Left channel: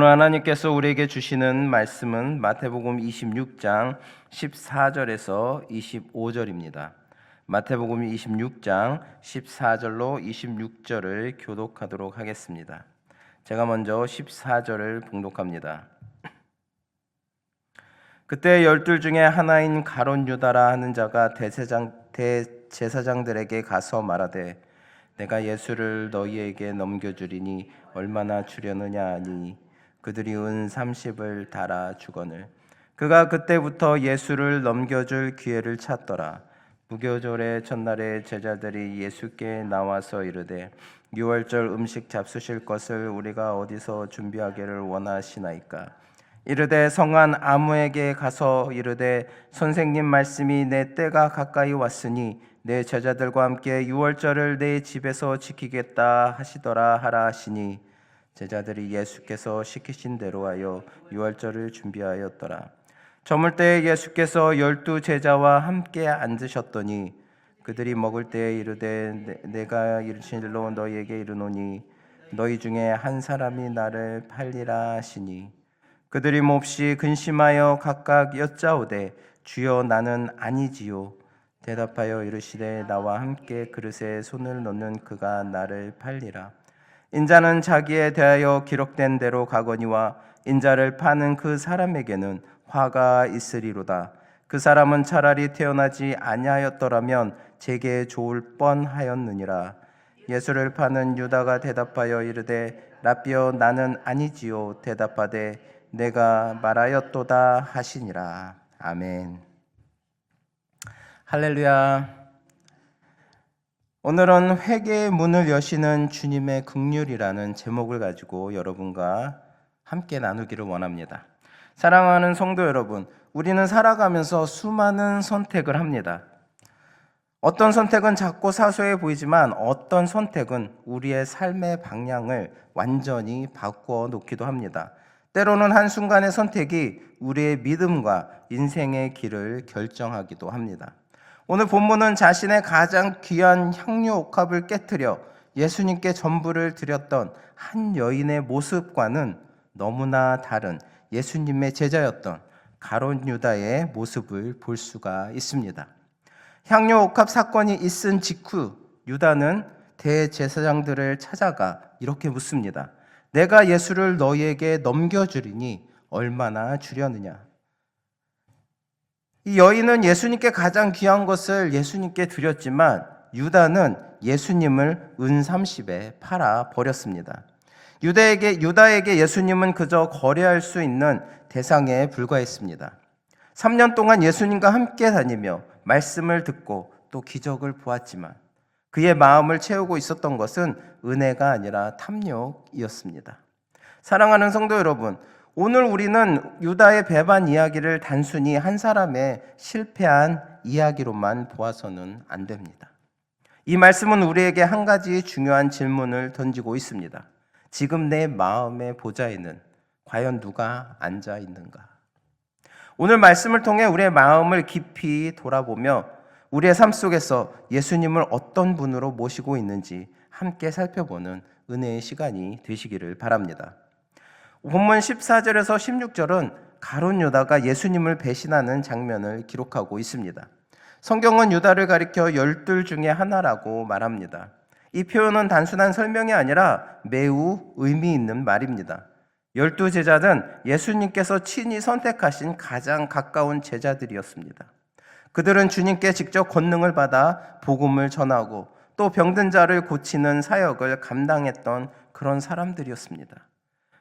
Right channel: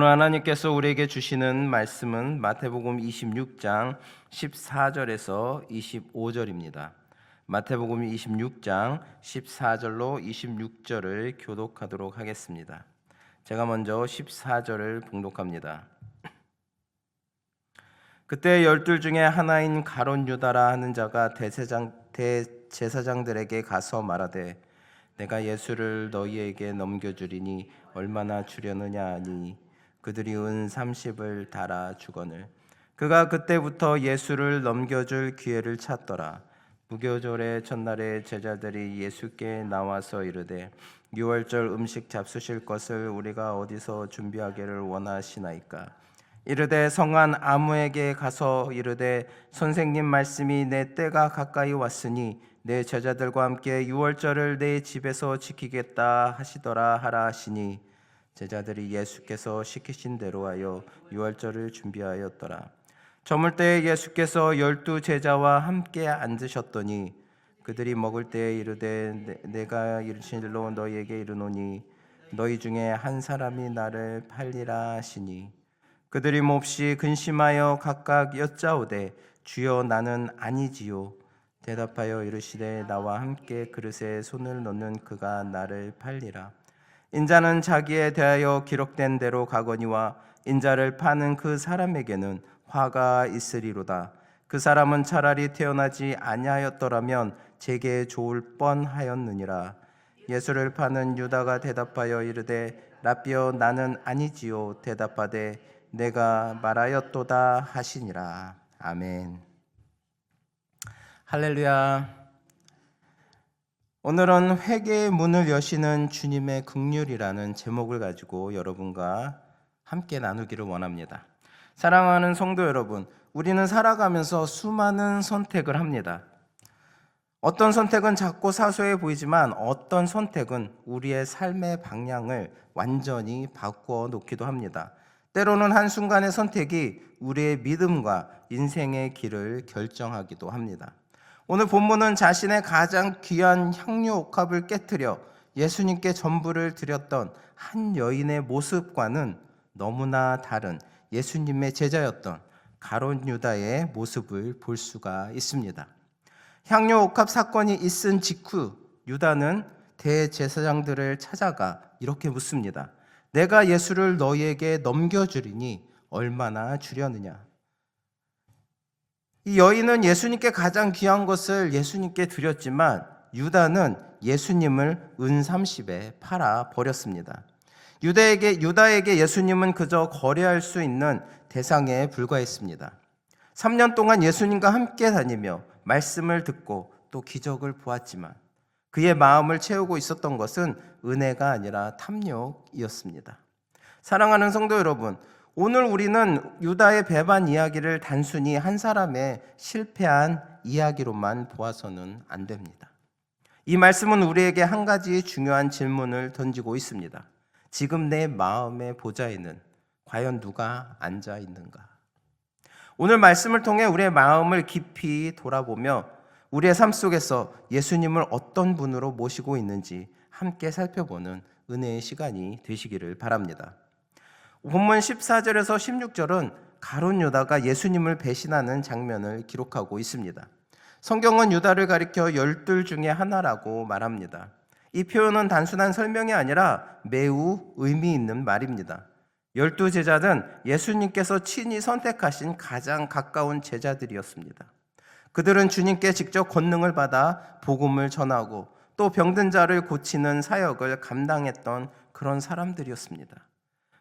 오늘 하나님께서 우리에게 주시는 말씀은 마태복음 26장 14절에서 25절입니다. 마태복음 26장 14절로 26절을 교독하도록 하겠습니다. 제가 먼저 14절을 봉독합니다. 그때 12 중에 하나인 가룟 유다라 하는 자가 대제사장들에게 가서 말하되 내가 예수를 너희에게 넘겨주리니 얼마나 주려느냐 하니 그들이 은 30을 달아 주거늘 그가 그때부터 예수를 넘겨줄 기회를 찾더라. 무교절의 첫날에 제자들이 예수께 나와서 이르되 유월절 음식 잡수실 것을 우리가 어디서 준비하기를 원하시나이까. 이르되 성한 아무에게 가서 이르되 선생님 말씀이 내 때가 가까이 왔으니 내 제자들과 함께 유월절을 내 집에서 지키겠다 하시더라 하라 하시니 제자들이 예수께서 시키신 대로 하여 유월절을 준비하였더라. 저물 때에 예수께서 12 제자와 함께 앉으셨더니 그들이 먹을 때에 이르되 내가 진실로 너희에게 이르노니 너희 중에 한 사람이 나를 팔리라 하시니 그들이 몹시 근심하여 각각 여짜오되 주여 나는 아니지요. 대답하여 이르시되 나와 함께 그릇에 손을 넣는 그가 나를 팔리라. 인자는 자기에 대하여 기록된 대로 가거니와 인자를 파는 그 사람에게는 화가 있으리로다. 그 사람은 차라리 태어나지 아니하였더라면 제게 좋을 뻔하였느니라. 예수를 파는 유다가 대답하여 이르되 라삐여 나는 아니지요. 대답하되 내가 말하였도다 하시니라. 아멘. 할렐루야. 오늘은 회개의 문을 여시는 주님의 긍휼이라는 제목을 가지고 여러분과 함께 나누기를 원합니다. 사랑하는 성도 여러분, 우리는 살아가면서 수많은 선택을 합니다. 어떤 선택은 작고 사소해 보이지만 어떤 선택은 우리의 삶의 방향을 완전히 바꾸어 놓기도 합니다. 때로는 한순간의 선택이 우리의 믿음과 인생의 길을 결정하기도 합니다. 오늘 본문은 자신의 가장 귀한 향유 옥합을 깨트려 예수님께 전부를 드렸던 한 여인의 모습과는 너무나 다른 예수님의 제자였던 가룟 유다의 모습을 볼 수가 있습니다. 향유 옥합 사건이 있은 직후 유다는 대제사장들을 찾아가 이렇게 묻습니다. 내가 예수를 너희에게 넘겨주리니 얼마나 주려느냐. 이 여인은 예수님께 가장 귀한 것을 예수님께 드렸지만 유다는 예수님을 은 30에 팔아 버렸습니다. 유다에게 예수님은 그저 거래할 수 있는 대상에 불과했습니다. 3년 동안 예수님과 함께 다니며 말씀을 듣고 또 기적을 보았지만 그의 마음을 채우고 있었던 것은 은혜가 아니라 탐욕이었습니다. 사랑하는 성도 여러분, 오늘 우리는 유다의 배반 이야기를 단순히 한 사람의 실패한 이야기로만 보아서는 안 됩니다. 이 말씀은 우리에게 한 가지 중요한 질문을 던지고 있습니다. 지금 내 마음의 보좌에는 과연 누가 앉아 있는가? 오늘 말씀을 통해 우리의 마음을 깊이 돌아보며 우리의 삶 속에서 예수님을 어떤 분으로 모시고 있는지 함께 살펴보는 은혜의 시간이 되시기를 바랍니다. 본문 14절에서 16절은 가룟 유다가 예수님을 배신하는 장면을 기록하고 있습니다. 성경은 유다를 가리켜 12 중에 하나라고 말합니다. 이 표현은 단순한 설명이 아니라 매우 의미 있는 말입니다. 12 제자는 예수님께서 친히 선택하신 가장 가까운 제자들이었습니다. 그들은 주님께 직접 권능을 받아 복음을 전하고 또 병든 자를 고치는 사역을 감당했던 그런 사람들이었습니다.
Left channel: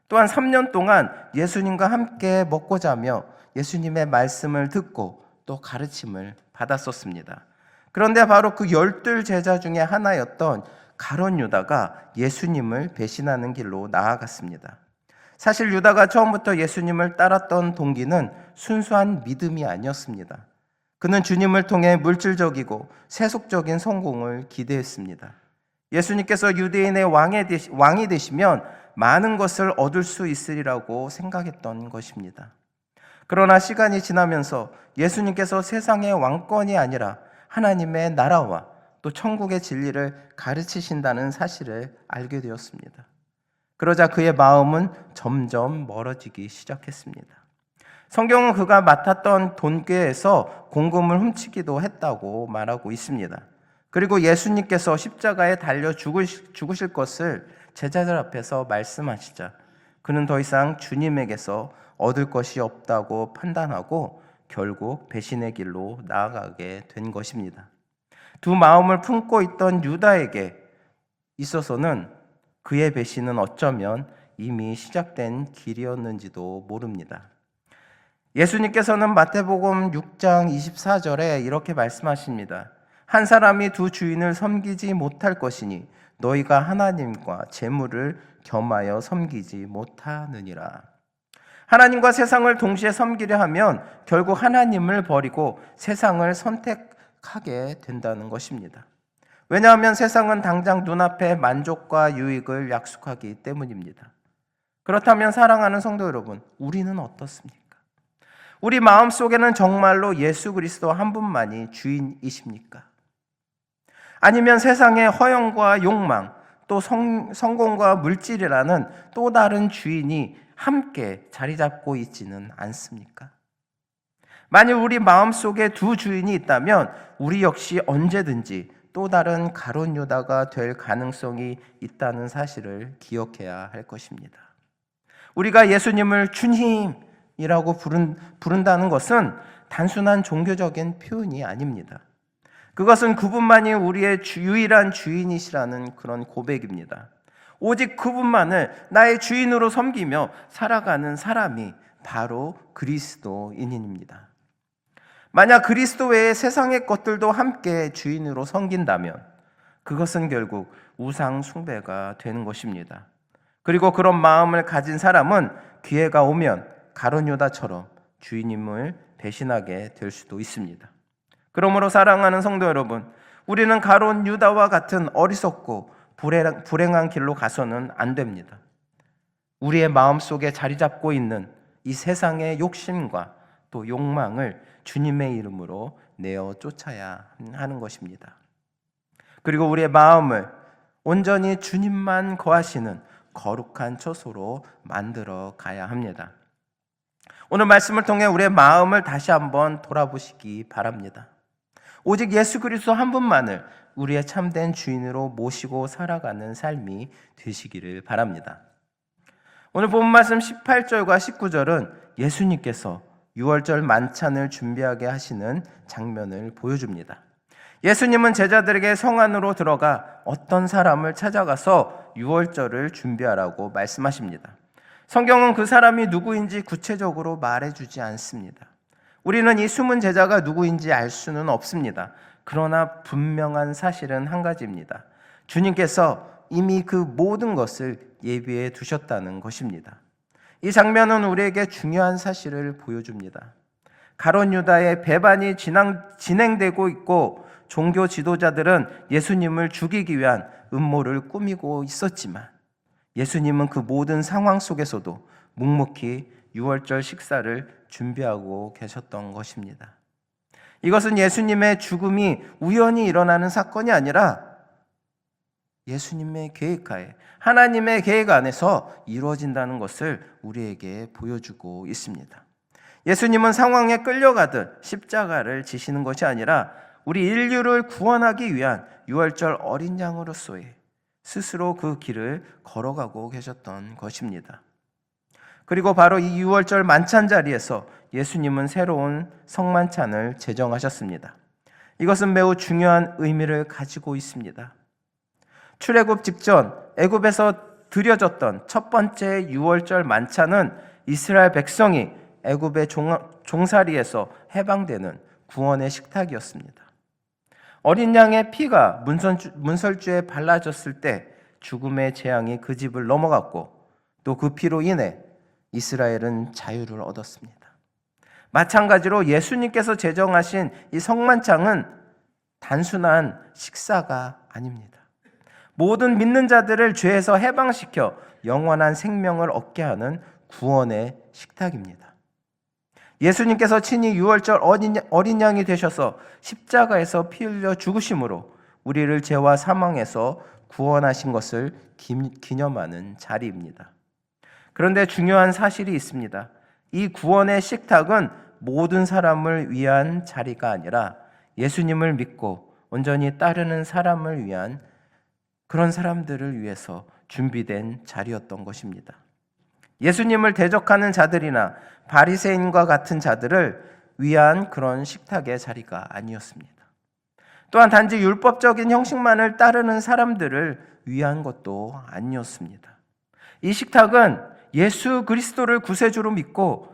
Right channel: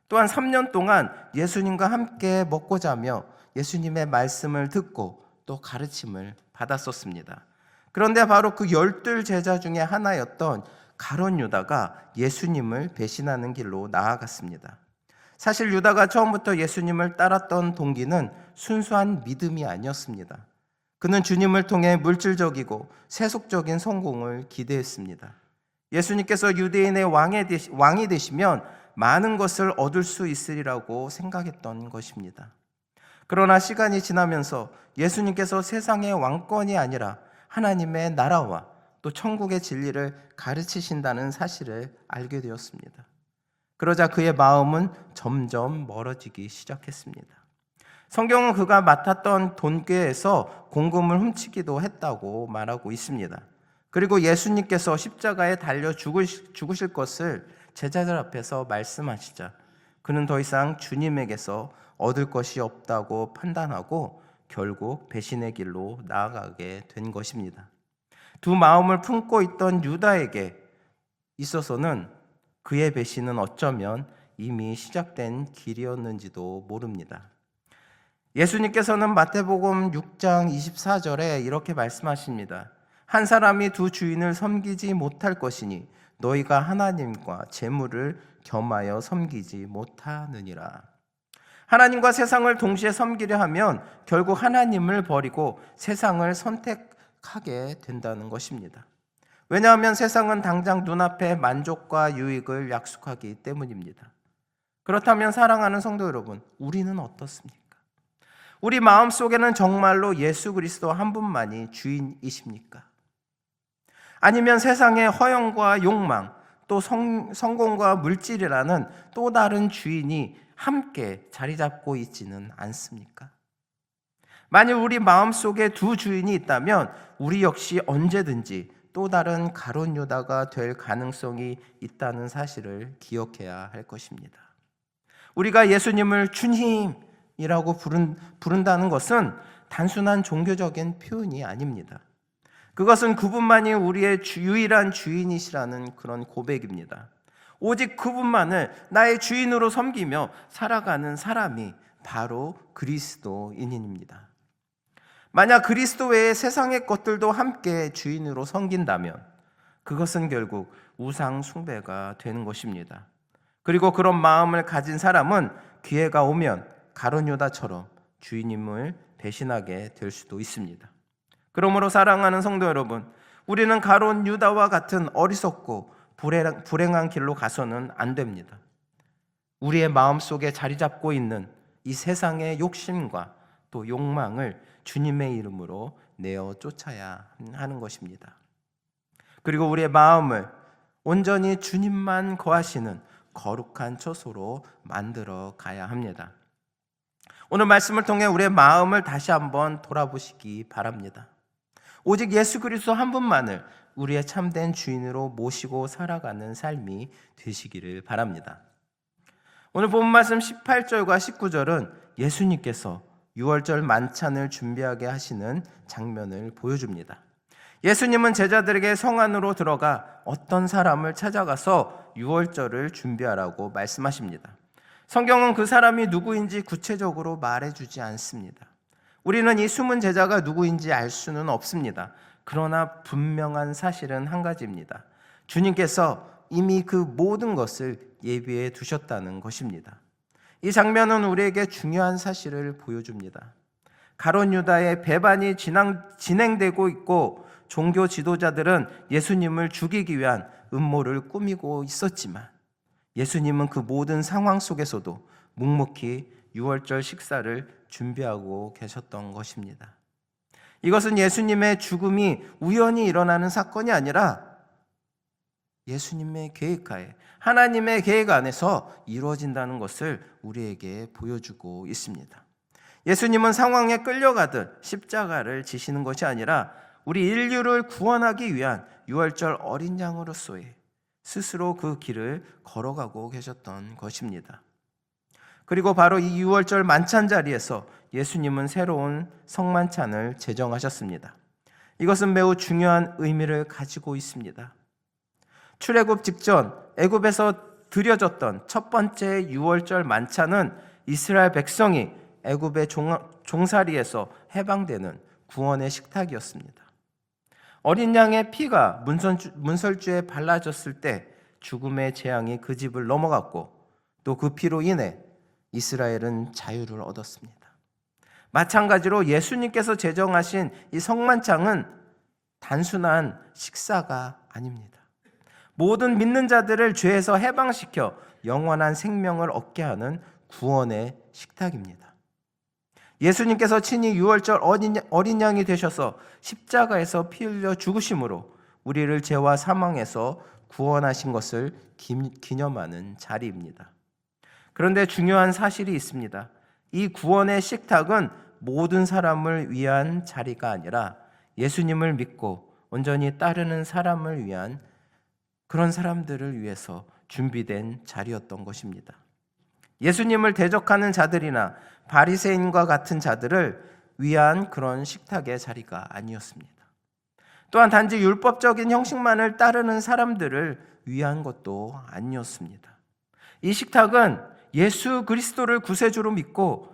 또한 3년 동안 예수님과 함께 먹고 자며 예수님의 말씀을 듣고 또 가르침을 받았었습니다. 그런데 바로 그 12 제자 중에 하나였던 가룟 유다가 예수님을 배신하는 길로 나아갔습니다. 사실 유다가 처음부터 예수님을 따랐던 동기는 순수한 믿음이 아니었습니다. 그는 주님을 통해 물질적이고 세속적인 성공을 기대했습니다. 예수님께서 유대인의 왕이 되시면 많은 것을 얻을 수 있으리라고 생각했던 것입니다. 그러나 시간이 지나면서 예수님께서 세상의 왕권이 아니라 하나님의 나라와 또 천국의 진리를 가르치신다는 사실을 알게 되었습니다. 그러자 그의 마음은 점점 멀어지기 시작했습니다. 성경은 그가 맡았던 돈궤에서 공금을 훔치기도 했다고 말하고 있습니다. 그리고 예수님께서 십자가에 달려 죽으실 것을 제자들 앞에서 말씀하시자 그는 더 이상 주님에게서 얻을 것이 없다고 판단하고 결국 배신의 길로 나아가게 된 것입니다. 두 마음을 품고 있던 유다에게 있어서는 그의 배신은 어쩌면 이미 시작된 길이었는지도 모릅니다. 예수님께서는 마태복음 6장 24절에 이렇게 말씀하십니다. 한 사람이 두 주인을 섬기지 못할 것이니 너희가 하나님과 재물을 겸하여 섬기지 못하느니라. 하나님과 세상을 동시에 섬기려 하면 결국 하나님을 버리고 세상을 선택하게 된다는 것입니다. 왜냐하면 세상은 당장 눈앞에 만족과 유익을 약속하기 때문입니다. 그렇다면 사랑하는 성도 여러분, 우리는 어떻습니까? 우리 마음속에는 정말로 예수 그리스도 한 분만이 주인이십니까? 아니면 세상의 허영과 욕망, 또 성공과 물질이라는 또 다른 주인이 함께 자리 잡고 있지는 않습니까? 만일 우리 마음속에 두 주인이 있다면 우리 역시 언제든지 또 다른 가룟 유다가 될 가능성이 있다는 사실을 기억해야 할 것입니다. 우리가 예수님을 주님이라고 부른다는 것은 단순한 종교적인 표현이 아닙니다. 그것은 그분만이 우리의 유일한 주인이시라는 그런 고백입니다. 오직 그분만을 나의 주인으로 섬기며 살아가는 사람이 바로 그리스도인입니다. 만약 그리스도 외에 세상의 것들도 함께 주인으로 섬긴다면 그것은 결국 우상 숭배가 되는 것입니다. 그리고 그런 마음을 가진 사람은 기회가 오면 가룟 유다처럼 주인임을 배신하게 될 수도 있습니다. 그러므로 사랑하는 성도 여러분, 우리는 가룟 유다와 같은 어리석고 불행한 길로 가서는 안 됩니다. 우리의 마음속에 자리 잡고 있는 이 세상의 욕심과 또 욕망을 주님의 이름으로 내어 쫓아야 하는 것입니다. 그리고 우리의 마음을 온전히 주님만 거하시는 거룩한 처소로 만들어 가야 합니다. 오늘 말씀을 통해 우리의 마음을 다시 한번 돌아보시기 바랍니다. 오직 예수 그리스도 한 분만을 우리의 참된 주인으로 모시고 살아가는 삶이 되시기를 바랍니다. 오늘 본 말씀 18절과 19절은 예수님께서 유월절 만찬을 준비하게 하시는 장면을 보여줍니다. 예수님은 제자들에게 성 안으로 들어가 어떤 사람을 찾아가서 유월절을 준비하라고 말씀하십니다. 성경은 그 사람이 누구인지 구체적으로 말해주지 않습니다. 우리는 이 숨은 제자가 누구인지 알 수는 없습니다. 그러나 분명한 사실은 한 가지입니다. 주님께서 이미 그 모든 것을 예비해 두셨다는 것입니다. 이 장면은 우리에게 중요한 사실을 보여줍니다. 가룟 유다의 배반이 진행되고 있고 종교 지도자들은 예수님을 죽이기 위한 음모를 꾸미고 있었지만 예수님은 그 모든 상황 속에서도 묵묵히 유월절 식사를 준비하고 계셨던 것입니다. 이것은 예수님의 죽음이 우연히 일어나는 사건이 아니라 예수님의 계획하에 하나님의 계획 안에서 이루어진다는 것을 우리에게 보여주고 있습니다. 예수님은 상황에 끌려가듯 십자가를 지시는 것이 아니라 우리 인류를 구원하기 위한 유월절 어린 양으로서의 스스로 그 길을 걸어가고 계셨던 것입니다. 그리고 바로 이 유월절 만찬 자리에서 예수님은 새로운 성만찬을 제정하셨습니다. 이것은 매우 중요한 의미를 가지고 있습니다. 출애굽 직전 애굽에서 드려졌던 첫 번째 유월절 만찬은 이스라엘 백성이 애굽의 종살이에서 해방되는 구원의 식탁이었습니다. 어린 양의 피가 문설주에 발라졌을 때 죽음의 재앙이 그 집을 넘어갔고 또 그 피로 인해 이스라엘은 자유를 얻었습니다. 마찬가지로 예수님께서 제정하신 이 성만찬은 단순한 식사가 아닙니다. 모든 믿는 자들을 죄에서 해방시켜 영원한 생명을 얻게 하는 구원의 식탁입니다. 예수님께서 친히 유월절 어린 양이 되셔서 십자가에서 피 흘려 죽으심으로 우리를 죄와 사망에서 구원하신 것을 기념하는 자리입니다. 그런데 중요한 사실이 있습니다. 이 구원의 식탁은 모든 사람을 위한 자리가 아니라 예수님을 믿고 온전히 따르는 사람을 위한, 그런 사람들을 위해서 준비된 자리였던 것입니다. 예수님을 대적하는 자들이나 바리새인과 같은 자들을 위한 그런 식탁의 자리가 아니었습니다. 또한 단지 율법적인 형식만을 따르는 사람들을 위한 것도 아니었습니다. 이 식탁은 예수 그리스도를 구세주로 믿고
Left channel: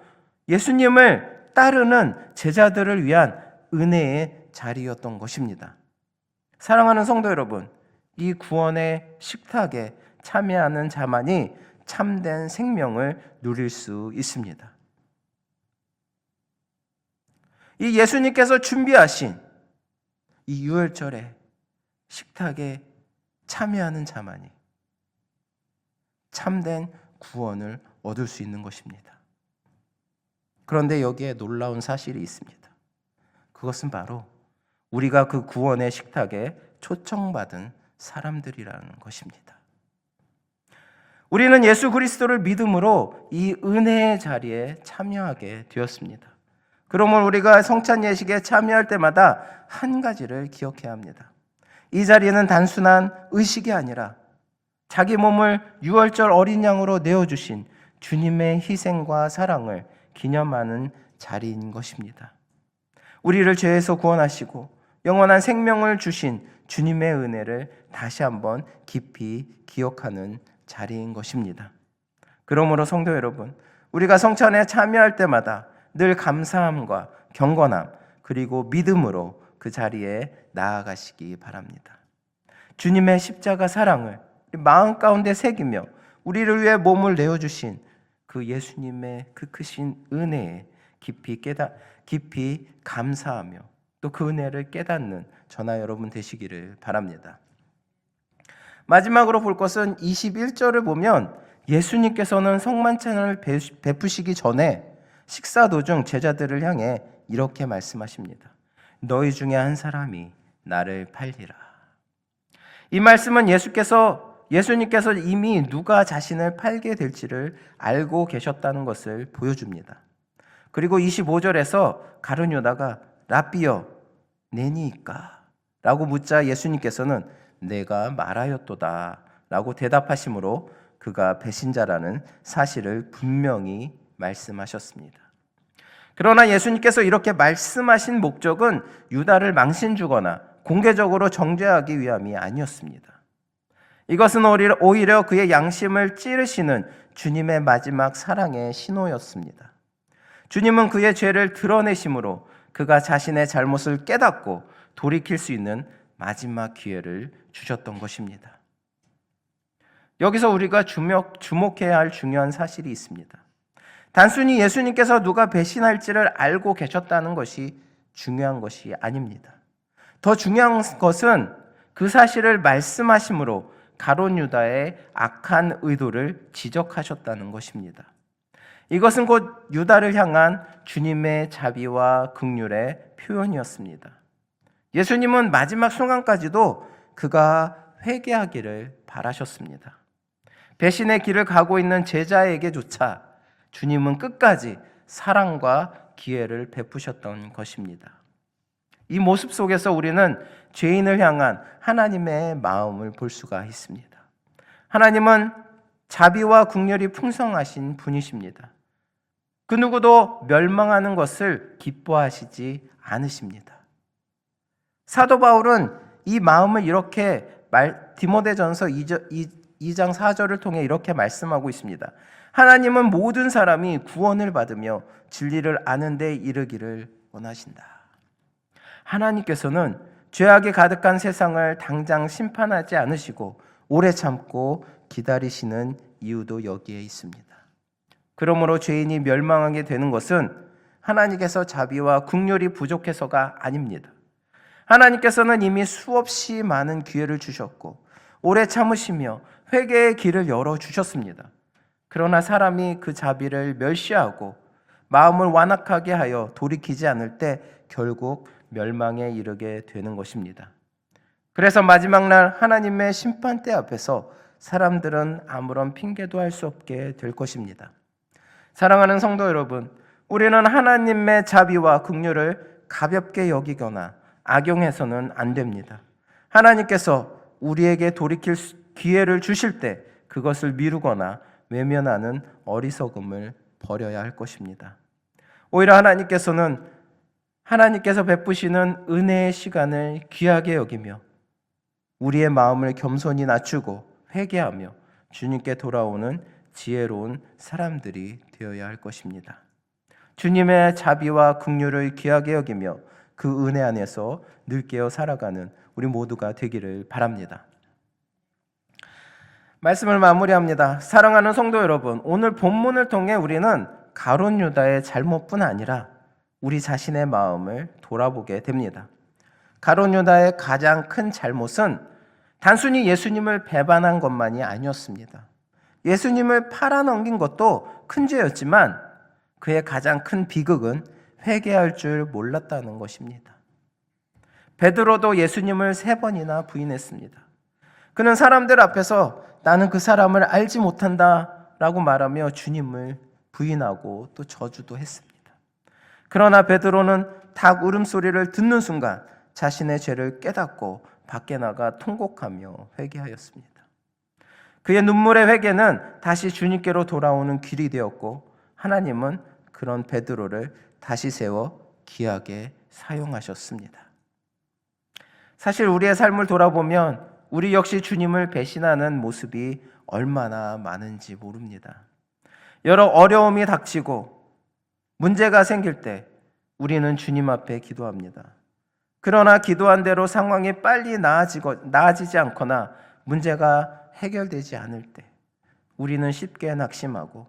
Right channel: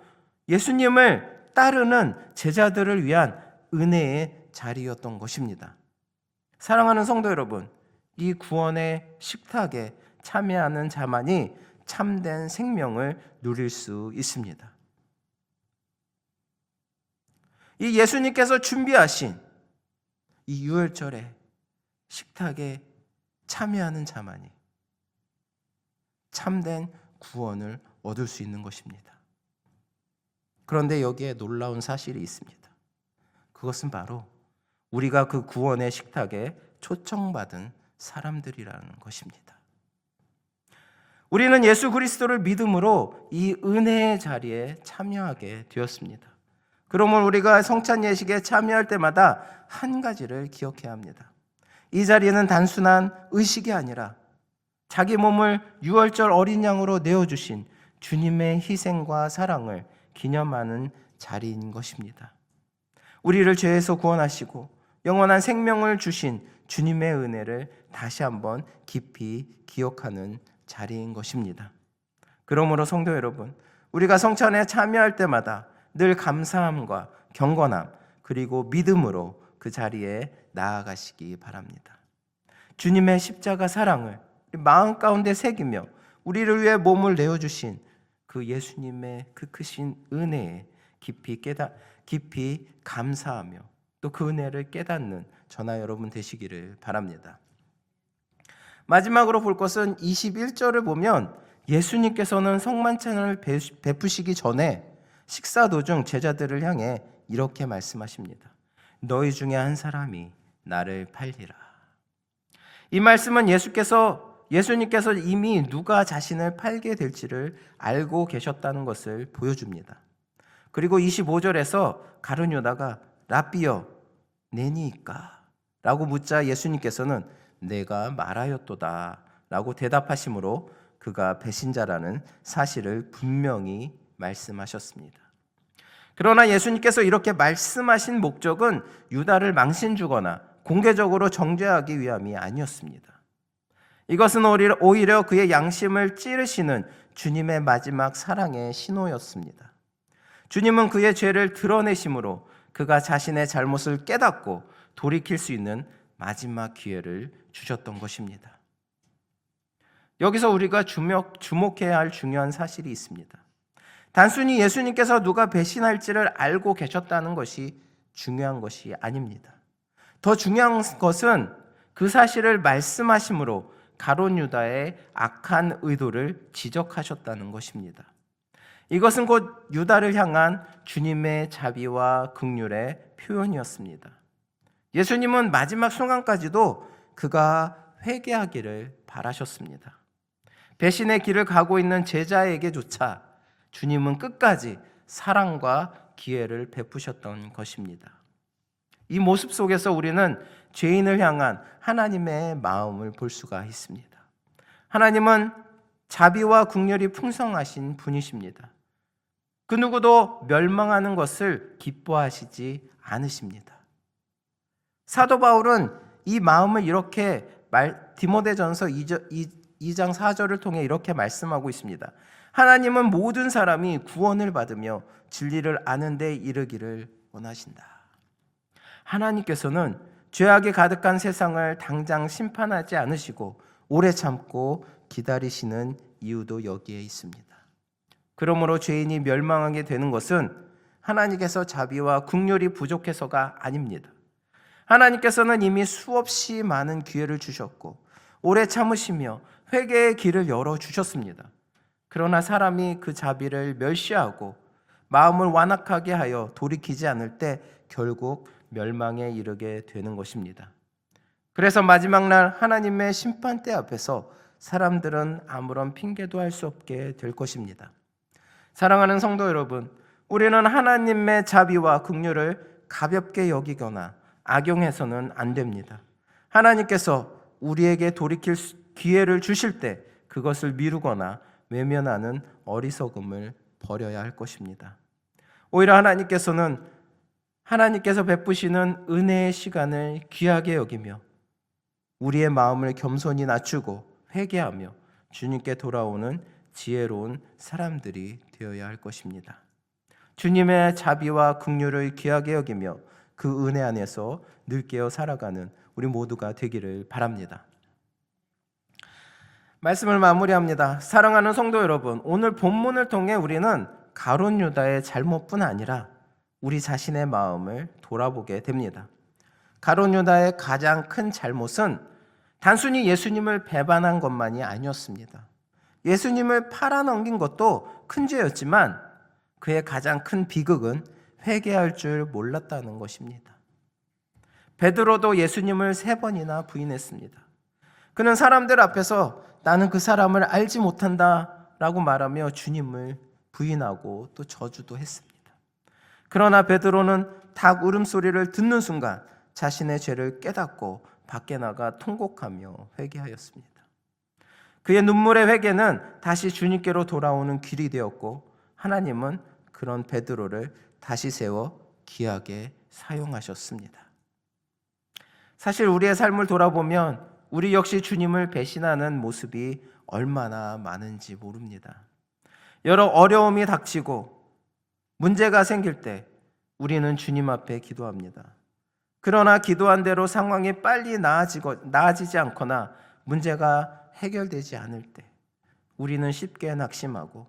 예수님을 따르는 제자들을 위한 은혜의 자리였던 것입니다. 사랑하는 성도 여러분, 이 구원의 식탁에 참여하는 자만이 참된 생명을 누릴 수 있습니다. 이 예수님께서 준비하신 이 유월절의 식탁에 참여하는 자만이 참된 구원을 얻을 수 있는 것입니다. 그런데 여기에 놀라운 사실이 있습니다. 그것은 바로 우리가 그 구원의 식탁에 초청받은 사람들이라는 것입니다. 우리는 예수 그리스도를 믿음으로 이 은혜의 자리에 참여하게 되었습니다. 그러면 우리가 성찬 예식에 참여할 때마다 한 가지를 기억해야 합니다. 이 자리는 단순한 의식이 아니라 자기 몸을 유월절 어린 양으로 내어주신 주님의 희생과 사랑을 기념하는 자리인 것입니다. 우리를 죄에서 구원하시고 영원한 생명을 주신 주님의 은혜를 다시 한번 깊이 기억하는 자리인 것입니다. 그러므로 성도 여러분, 우리가 성찬에 참여할 때마다 늘 감사함과 경건함 그리고 믿음으로 그 자리에 나아가시기 바랍니다. 주님의 십자가 사랑을 마음 가운데 새기며 우리를 위해 몸을 내어주신 그 예수님의 그 크신 은혜에 깊이 감사하며 또 그 은혜를 깨닫는 저나 여러분 되시기를 바랍니다. 마지막으로 볼 것은 21절을 보면 예수님께서는 성만찬을 베푸시기 전에 식사 도중 제자들을 향해 이렇게 말씀하십니다. 너희 중에 한 사람이 나를 팔리라. 이 말씀은 예수님께서 이미 누가 자신을 팔게 될지를 알고 계셨다는 것을 보여줍니다. 그리고 25절에서 가룟 유다가 라삐여 내니이까? 라고 묻자 예수님께서는 내가 말하였도다 라고 대답하심으로 그가 배신자라는 사실을 분명히 말씀하셨습니다. 그러나 예수님께서 이렇게 말씀하신 목적은 유다를 망신주거나 공개적으로 정죄하기 위함이 아니었습니다. 이것은 오히려 그의 양심을 찌르시는 주님의 마지막 사랑의 신호였습니다. 주님은 그의 죄를 드러내심으로 그가 자신의 잘못을 깨닫고 돌이킬 수 있는 마지막 기회를 주셨던 것입니다. 여기서 우리가 주목해야 할 중요한 사실이 있습니다. 단순히 예수님께서 누가 배신할지를 알고 계셨다는 것이 중요한 것이 아닙니다. 더 중요한 것은 그 사실을 말씀하심으로 가룟 유다의 악한 의도를 지적하셨다는 것입니다. 이것은 곧 유다를 향한 주님의 자비와 긍휼의 표현이었습니다. 예수님은 마지막 순간까지도 그가 회개하기를 바라셨습니다. 배신의 길을 가고 있는 제자에게조차 주님은 끝까지 사랑과 기회를 베푸셨던 것입니다. 이 모습 속에서 우리는 죄인을 향한 하나님의 마음을 볼 수가 있습니다. 하나님은 자비와 긍휼이 풍성하신 분이십니다. 그 누구도 멸망하는 것을 기뻐하시지 않으십니다. 사도 바울은 이 마음을 이렇게 디모데전서 2장 4절을 통해 이렇게 말씀하고 있습니다. 하나님은 모든 사람이 구원을 받으며 진리를 아는 데 이르기를 원하신다. 하나님께서는 죄악이 가득한 세상을 당장 심판하지 않으시고 오래 참고 기다리시는 이유도 여기에 있습니다. 그러므로 죄인이 멸망하게 되는 것은 하나님께서 자비와 긍휼이 부족해서가 아닙니다. 하나님께서는 이미 수없이 많은 기회를 주셨고 오래 참으시며 회개의 길을 열어주셨습니다. 그러나 사람이 그 자비를 멸시하고 마음을 완악하게 하여 돌이키지 않을 때 결국 멸망에 이르게 되는 것입니다. 그래서 마지막 날 하나님의 심판대 앞에서 사람들은 아무런 핑계도 할 수 없게 될 것입니다. 사랑하는 성도 여러분, 우리는 하나님의 자비와 긍휼을 가볍게 여기거나 악용해서는 안 됩니다. 하나님께서 우리에게 돌이킬 기회를 주실 때 그것을 미루거나 외면하는 어리석음을 버려야 할 것입니다. 오히려 하나님께서 베푸시는 은혜의 시간을 귀하게 여기며 우리의 마음을 겸손히 낮추고 회개하며 주님께 돌아오는 지혜로운 사람들이 되어야 할 것입니다. 주님의 자비와 긍휼을 귀하게 여기며 그 은혜 안에서 늘 깨어 살아가는 우리 모두가 되기를 바랍니다. 말씀을 마무리합니다. 사랑하는 성도 여러분, 오늘 본문을 통해 우리는 가룟 유다의 잘못뿐 아니라 우리 자신의 마음을 돌아보게 됩니다. 가룟 유다의 가장 큰 잘못은 단순히 예수님을 배반한 것만이 아니었습니다. 예수님을 팔아넘긴 것도 큰 죄였지만 그의 가장 큰 비극은 회개할 줄 몰랐다는 것입니다. 베드로도 예수님을 3번이나 부인했습니다. 그는 사람들 앞에서 나는 그 사람을 알지 못한다 라고 말하며 주님을 부인하고 또 저주도 했습니다. 그러나 베드로는 닭 울음소리를 듣는 순간 자신의 죄를 깨닫고 밖에 나가 통곡하며 회개하였습니다. 그의 눈물의 회개는 다시 주님께로 돌아오는 길이 되었고 하나님은 그런 베드로를 다시 세워 귀하게 사용하셨습니다. 사실 우리의 삶을 돌아보면 우리 역시 주님을 배신하는 모습이 얼마나 많은지 모릅니다. 여러 어려움이 닥치고 문제가 생길 때 우리는 주님 앞에 기도합니다. 그러나 기도한 대로 상황이 빨리 나아지지 않거나 문제가 해결되지 않을 때 우리는 쉽게 낙심하고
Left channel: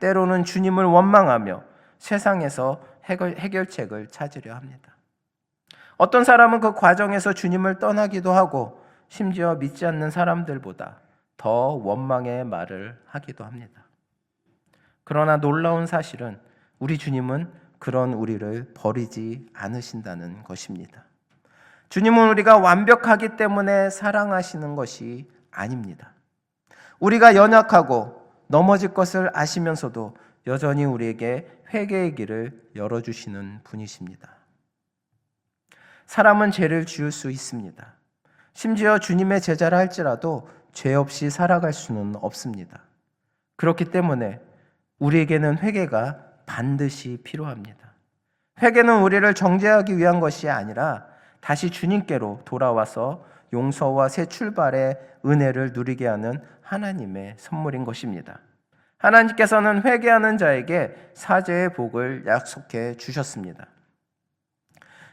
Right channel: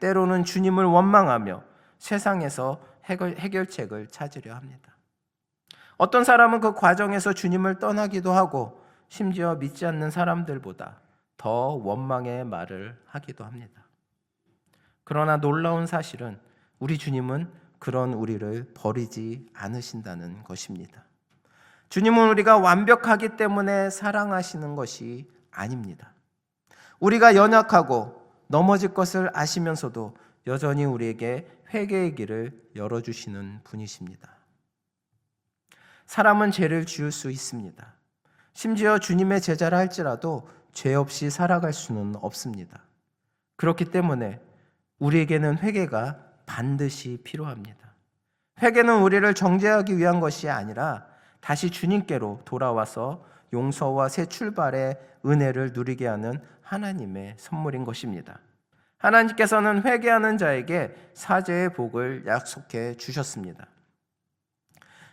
때로는 주님을 원망하며 세상에서 해결책을 찾으려 합니다. 어떤 사람은 그 과정에서 주님을 떠나기도 하고 심지어 믿지 않는 사람들보다 더 원망의 말을 하기도 합니다. 그러나 놀라운 사실은 우리 주님은 그런 우리를 버리지 않으신다는 것입니다. 주님은 우리가 완벽하기 때문에 사랑하시는 것이 아닙니다. 우리가 연약하고 넘어질 것을 아시면서도 여전히 우리에게 회개의 길을 열어주시는 분이십니다. 사람은 죄를 지을 수 있습니다. 심지어 주님의 제자라 할지라도 죄 없이 살아갈 수는 없습니다. 그렇기 때문에 우리에게는 회개가 반드시 필요합니다. 회개는 우리를 정죄하기 위한 것이 아니라 다시 주님께로 돌아와서 용서와 새 출발의 은혜를 누리게 하는 하나님의 선물인 것입니다. 하나님께서는 회개하는 자에게 사죄의 복을 약속해 주셨습니다.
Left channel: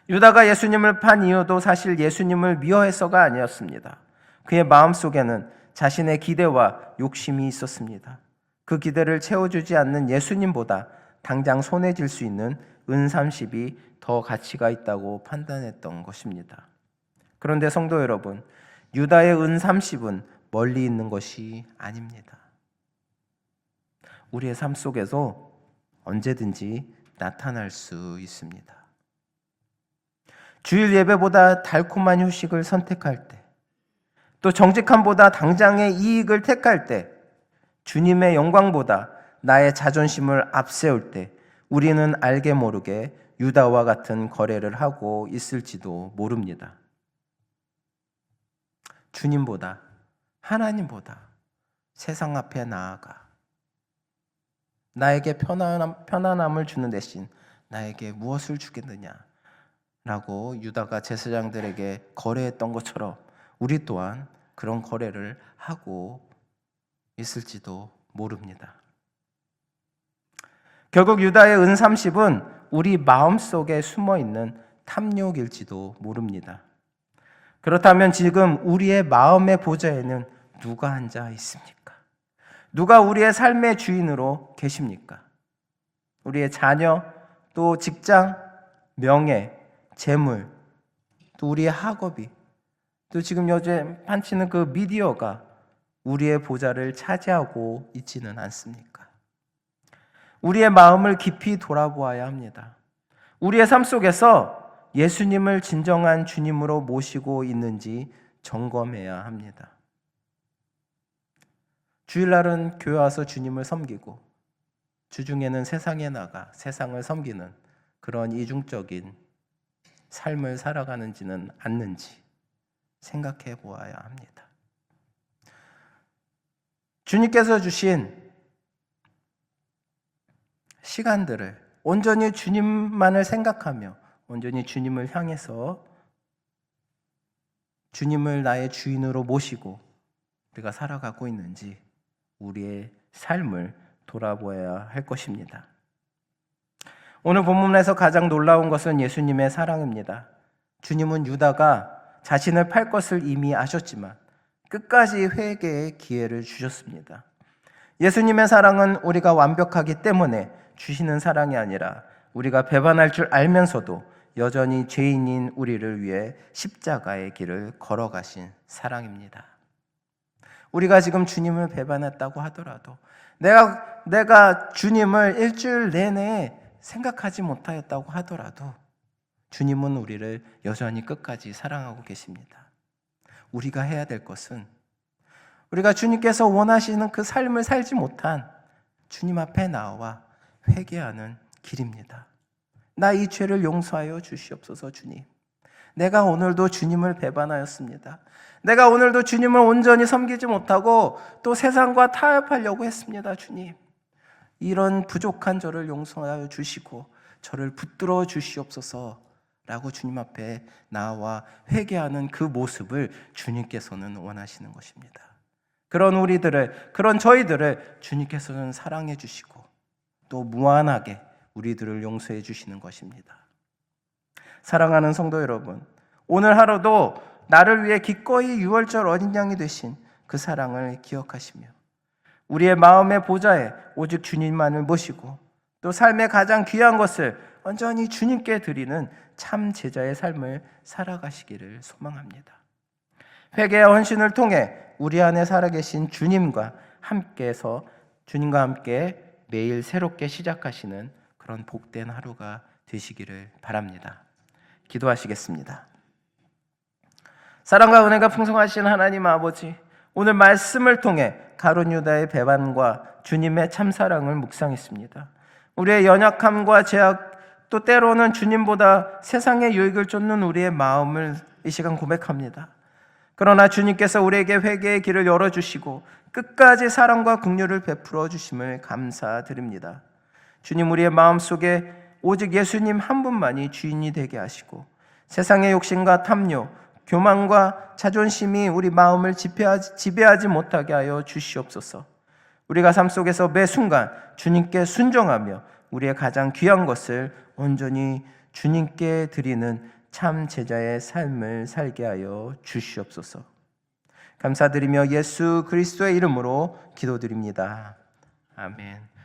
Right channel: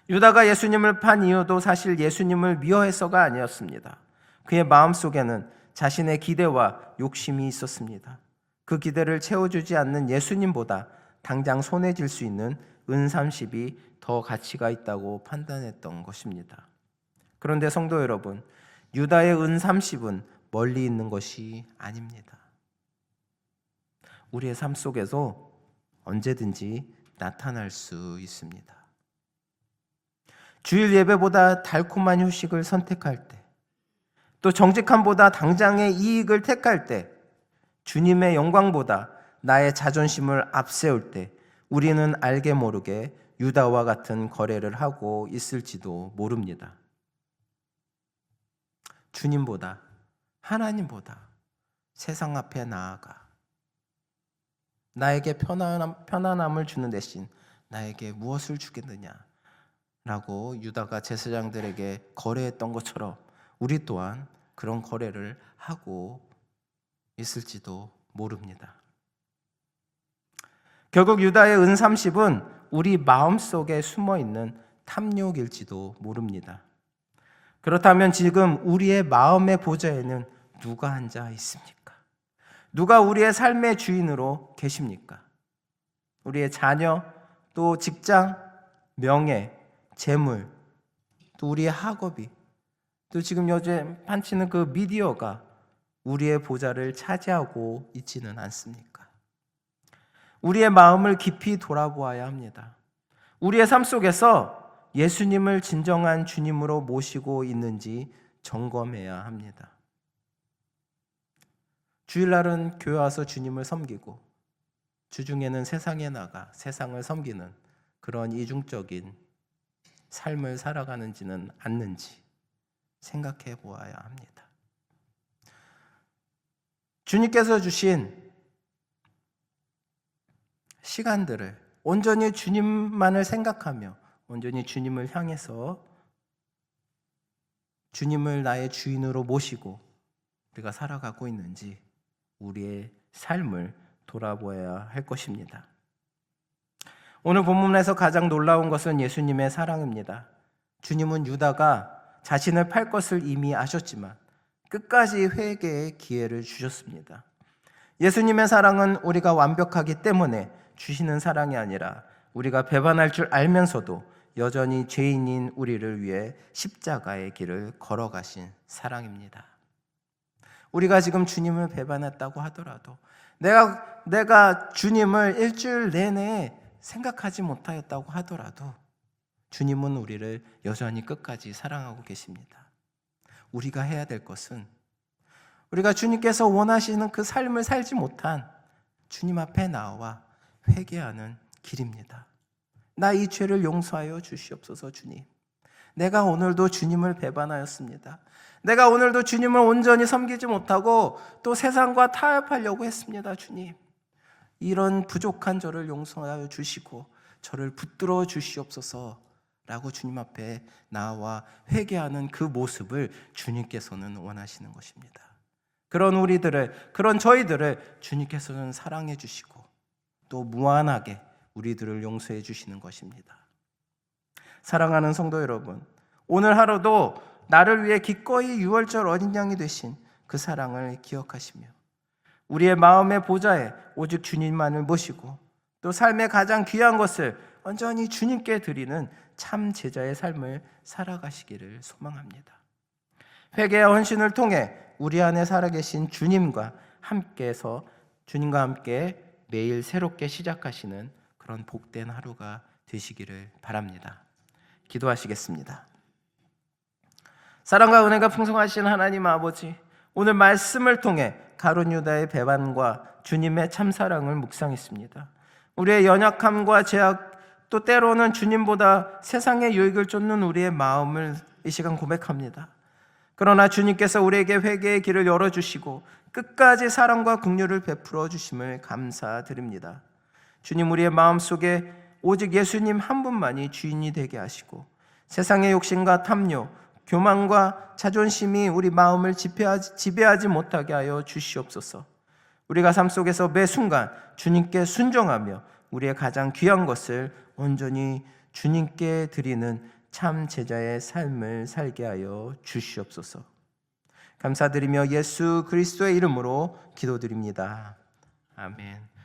유다가 예수님을 판 이유도 사실 예수님을 미워해서가 아니었습니다. 그의 마음속에는 자신의 기대와 욕심이 있었습니다. 그 기대를 채워주지 않는 예수님보다 당장 손에 쥘 수 있는 은 30이 더 가치가 있다고 판단했던 것입니다. 그런데 성도 여러분, 유다의 은 30은 멀리 있는 것이 아닙니다. 우리의 삶 속에서 언제든지 나타날 수 있습니다. 주일 예배보다 달콤한 휴식을 선택할 때, 또 정직함보다 당장의 이익을 택할 때, 주님의 영광보다 나의 자존심을 앞세울 때 우리는 알게 모르게 유다와 같은 거래를 하고 있을지도 모릅니다. 주님보다, 하나님보다 세상 앞에 나아가 나에게 편안함을 주는 대신 나에게 무엇을 주겠느냐 라고 유다가 제사장들에게 거래했던 것처럼 우리 또한 그런 거래를 하고 있을지도 모릅니다. 결국 유다의 은 30은 우리 마음속에 숨어있는 탐욕일지도 모릅니다. 그렇다면 지금 우리의 마음의 보좌에는 누가 앉아 있습니까? 누가 우리의 삶의 주인으로 계십니까? 우리의 자녀, 또 직장, 명예, 재물, 또 우리의 학업이, 또 지금 요즘 판치는 그 미디어가 우리의 보좌를 차지하고 있지는 않습니까? 우리의 마음을 깊이 돌아보아야 합니다. 우리의 삶 속에서 예수님을 진정한 주님으로 모시고 있는지 점검해야 합니다. 주일날은 교회 와서 주님을 섬기고 주중에는 세상에 나가 세상을 섬기는 그런 이중적인 삶을 살아가는지는 않는지 생각해 보아야 합니다. 주님께서 주신 시간들을 온전히 주님만을 생각하며 온전히 주님을 향해서 주님을 나의 주인으로 모시고 우리가 살아가고 있는지 우리의 삶을 돌아보아야 할 것입니다. 오늘 본문에서 가장 놀라운 것은 예수님의 사랑입니다. 주님은 유다가 자신을 팔 것을 이미 아셨지만 끝까지 회개의 기회를 주셨습니다. 예수님의 사랑은 우리가 완벽하기 때문에 주시는 사랑이 아니라 우리가 배반할 줄 알면서도 여전히 죄인인 우리를 위해 십자가의 길을 걸어가신 사랑입니다. 우리가 지금 주님을 배반했다고 하더라도 내가 주님을 일주일 내내 생각하지 못하였다고 하더라도 주님은 우리를 여전히 끝까지 사랑하고 계십니다. 우리가 해야 될 것은 우리가 주님께서 원하시는 그 삶을 살지 못한 주님 앞에 나와 회개하는 길입니다. 나 이 죄를 용서하여 주시옵소서. 주님, 내가 오늘도 주님을 배반하였습니다. 내가 오늘도 주님을 온전히 섬기지 못하고 또 세상과 타협하려고 했습니다. 주님, 이런 부족한 저를 용서하여 주시고 저를 붙들어 주시옵소서 라고 주님 앞에 나와 회개하는 그 모습을 주님께서는 원하시는 것입니다. 그런 저희들을 주님께서는 사랑해 주시고 또 무한하게 우리들을 용서해 주시는 것입니다. 사랑하는 성도 여러분, 오늘 하루도 나를 위해 기꺼이 유월절 어린 양이 되신 그 사랑을 기억하시며 우리의 마음의 보좌에 오직 주님만을 모시고 또 삶의 가장 귀한 것을 온전히 주님께 드리는 참 제자의 삶을 살아가시기를 소망합니다. 회개와 헌신을 통해 우리 안에 살아계신 주님과 함께 매일 새롭게 시작하시는 그런 복된 하루가 되시기를 바랍니다. 기도하시겠습니다. 사랑과 은혜가 풍성하신 하나님 아버지, 오늘 말씀을 통해 가룟 유다의 배반과 주님의 참사랑을 묵상했습니다. 우리의 연약함과 죄악, 또 때로는 주님보다 세상의 유익을 쫓는 우리의 마음을 이 시간 고백합니다. 그러나 주님께서 우리에게 회개의 길을 열어주시고 끝까지 사랑과 긍휼을 베풀어 주심을 감사드립니다. 주님, 우리의 마음속에 오직 예수님 한 분만이 주인이 되게 하시고 세상의 욕심과 탐욕, 교만과 자존심이 우리 마음을 지배하지 못하게 하여 주시옵소서. 우리가 삶 속에서 매 순간 주님께 순종하며 우리의 가장 귀한 것을 온전히 주님께 드리는 참 제자의 삶을 살게 하여 주시옵소서. 감사드리며 예수 그리스도의 이름으로 기도드립니다. 아멘.